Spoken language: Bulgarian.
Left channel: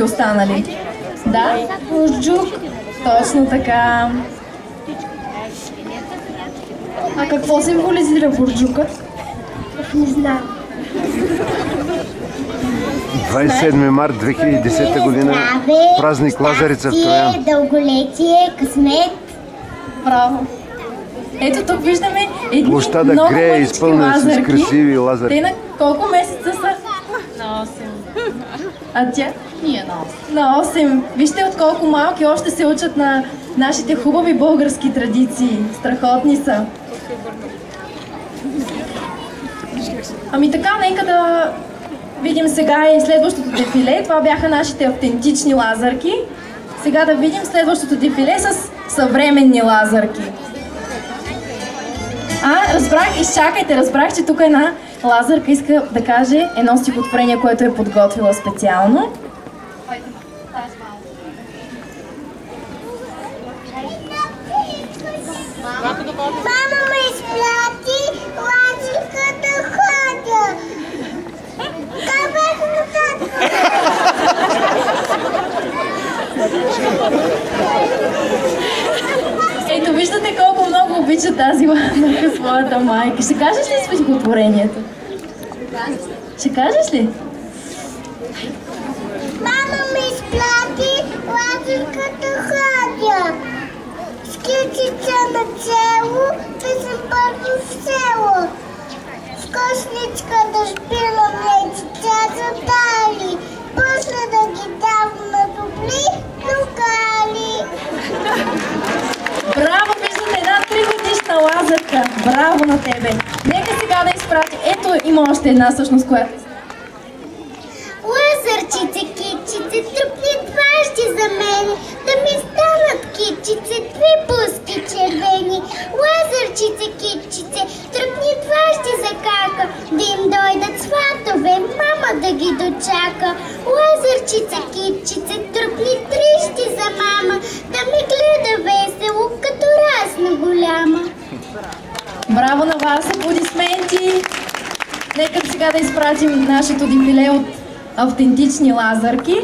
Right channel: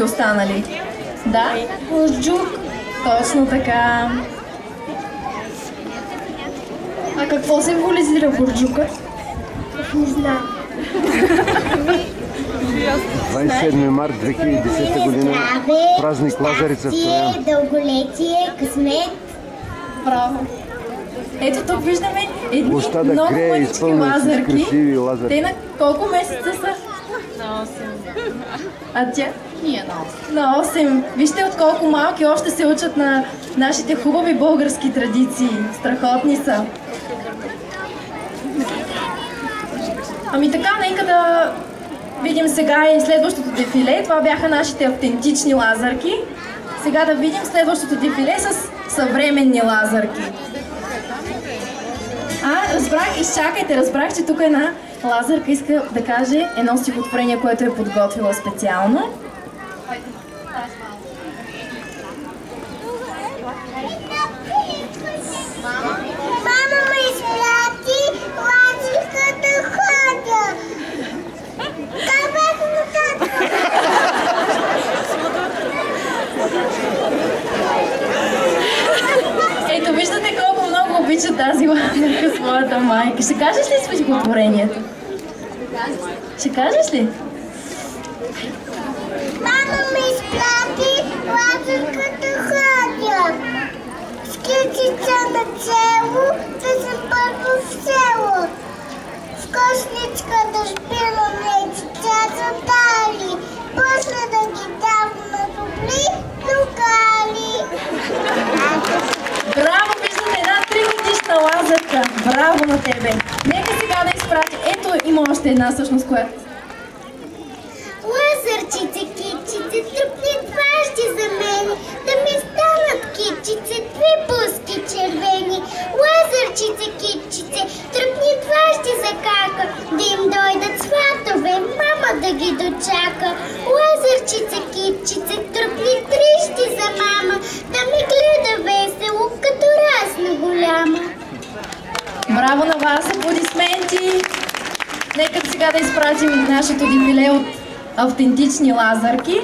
всички останали. Да? Бурджук. Точно така. А какво символизира бурджукът? Не знам. 27 март 2010 година. Празник Лазарица в Троян. Дълголетие, късмет. Браво! Ето тук виждаме едни Площада много грея, мънички изпълнена с лазарки. красиви лазарки. Те на колко месеца са? На 8. А тя? Ние на 8. На 8. Вижте от колко малки още се учат на нашите хубави български традиции. Страхотни са. Ами така, нека да видим сега и следващото дефиле. Това бяха нашите автентични лазарки. Сега да видим следващото дефиле с съвременни лазарки. Разбрах, изчакайте, разбрах, че тук една лазарка иска да каже едно стихотворение, което е подготвила специално. Мама ме изпрати лазарка да ходя. Как бях нататък? Ето, виждате колко много обича тази лазарка своята майка. Ще кажеш ли стихотворението? Ще кажеш ли? Мама ме изпрати лазарка да ходя. С кичица на цело да се първо в село. С кошничка да шпилам лечица за дали. После да ги давам на добри локали. Браво, виждате една 3-годишна лазарка. Браво на тебе. Нека сега да изпрати. Ето има още една всъщност, която... Лазарчице, китчице, тръпни дважди за мен, да ми станат китчице, две буски червени. Лазарчице, китчице, тръпни дважди за кака, да им дойдат сватове, мама да ги дочака. Лазарчице, китчице, тръпни трищи за мама, да ми гледа весело, като разна голяма. Браво на вас, аплодисменти! Нека сега да изпратим нашето дефиле от автентични лазарки.